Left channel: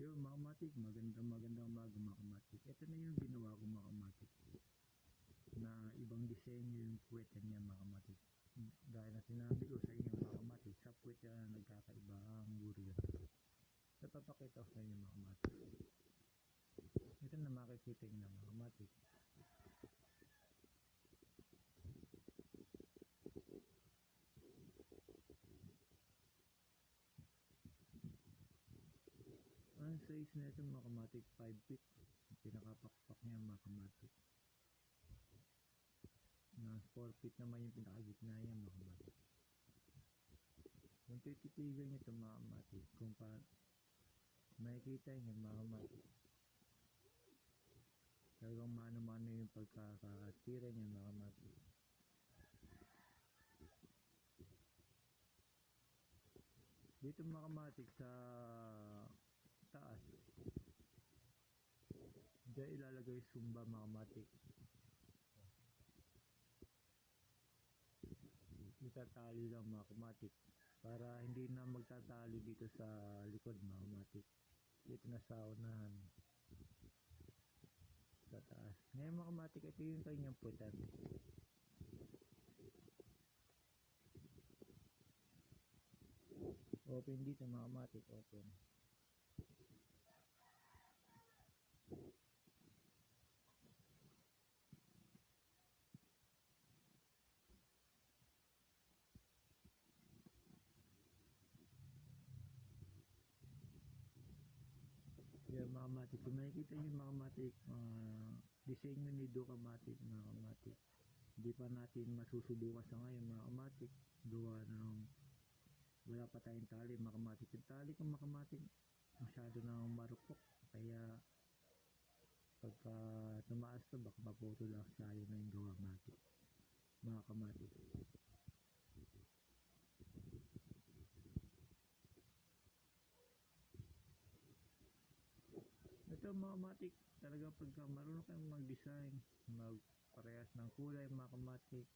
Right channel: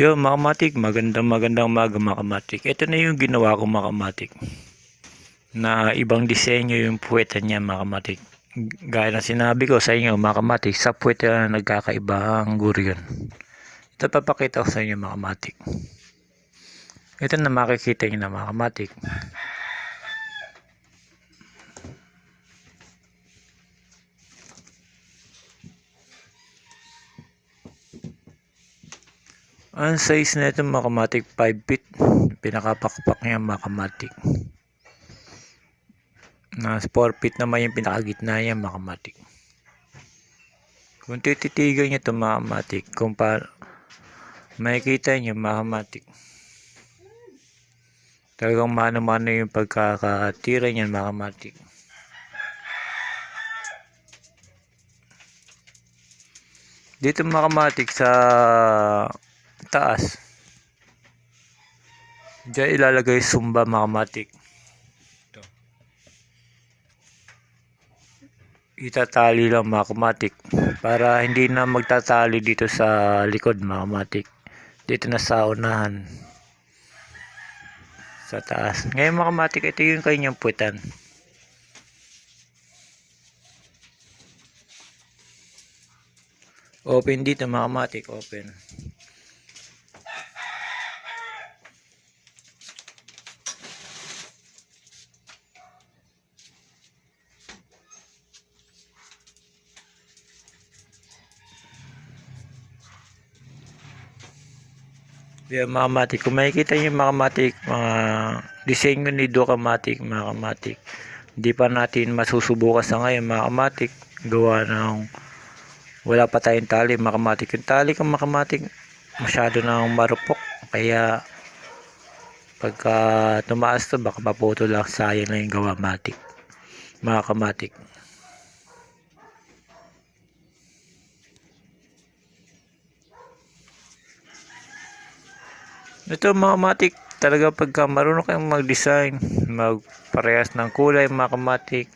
Yo, mga kamatik, magandang umaga mga kamatik. Ito na yung ginawa ko mga kamatik. Na ibang disenyo yung puweta niya mga kamatik. Gaya ng sinabi ko sa inyo mga kamatik, sa puweta na nagkakaiba ang gurion. Ito papakita ko sa inyo mga kamatik. Ito na makikita nyo na mga kamatik. Ang size na ito mga kamatik, 5 feet. Pinakapakpak niya mga kamatik. Na 4 feet naman yung pinakagitna niya mga kamatik. Kung tititigan nyo ito mga kamatik, kung makikita nyo mga kamatik, talagang mano-mano yung pagkakatira niyan mga kamatik. Dito mga kamatik sa taas, diyan ilalagay sumba mga kamatik. Ito. Itatali lang mga kamatik para hindi na magtatali dito sa likod mga kamatik. Dito na sa unahan, sa taas. Ngayon mga kamatik, ito yung kanyang puwetan. Open dito mga kamatik, open. Yan mga kamatik, kung makikita nyo mga kamatik, mga disenyo ni Dokamatic mga kamatik, hindi pa natin masusubukan sa ngayon mga kamatik, gawa ng wala pa tayong tali mga kamatik. Yung tali kang mga kamatik masyado nang marupok, kaya pagka tumaas to baka maputo lang, sayang na yung gawa matik mga kamatik. Ito mga kamatik, talaga pagka marunong kayong mag-design, magparehas ng kulay mga kamatik,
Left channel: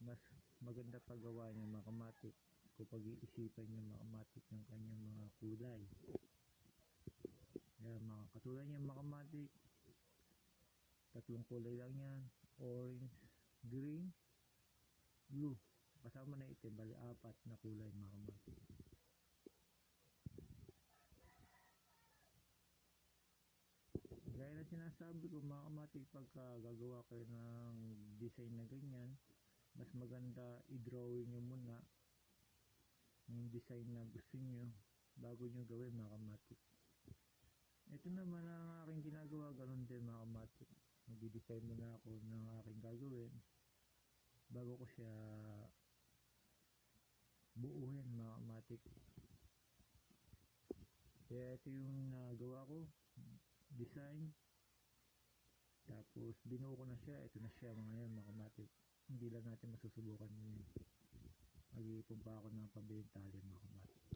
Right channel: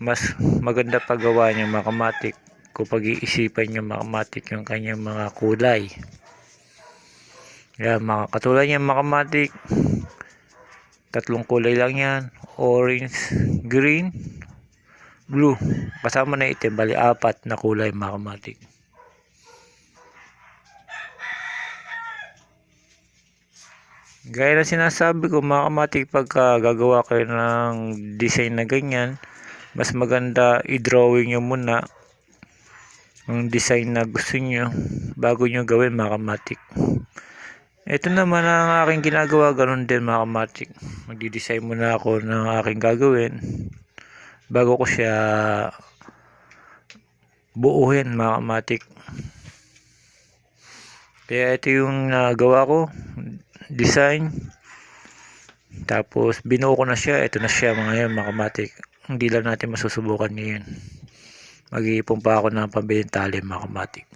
mas maganda paggawa niyo mga kamatik kung pag-iisipan niyo mga kamatik yung kanyang mga kulay. Yan, mga katulad niyan mga kamatik, tatlong kulay lang yan: orange, green, blue, kasama na itim, bali 4 na kulay mga kamatik. Gaya na sinasabi ko mga kamatik, pagka gagawa kayo ng design na ganyan, mas maganda i-drawing nyo muna ang design na gusto nyo bago nyo gawin mga kamatik. Ito naman ang aking ginagawa, ganun din mga kamatik. Magdi-design muna ako ng aking gagawin bago ko siya buuhin mga kamatik. Kaya ito yung gawa ko, design, tapos binuo ko na siya. Ito na siya mga kamatik. Hindi lang natin masusubukan ngayon, mag-iipon pa ako ng pambiling tali mga kamatik.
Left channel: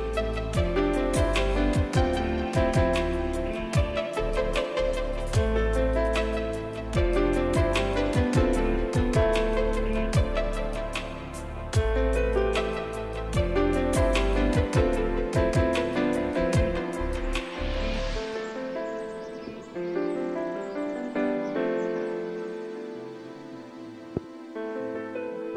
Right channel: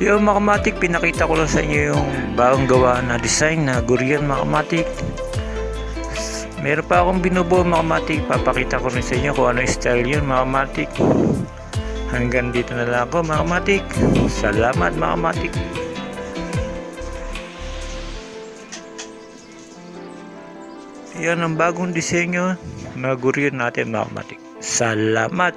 Yung mga kamatik, pinakita ko lang sa inyo yung bagong gawa na design na gurion mga kamatik. Meron pa akong binubuo mga kamatik, papakita ko rin sa inyo kung ano style yun mga kamatik. Hanggang dito na lang ako mga kamatik. Salamat mga kamatik. Yan ang bagong disenyo na gurion natin mga kamatik. Salamat.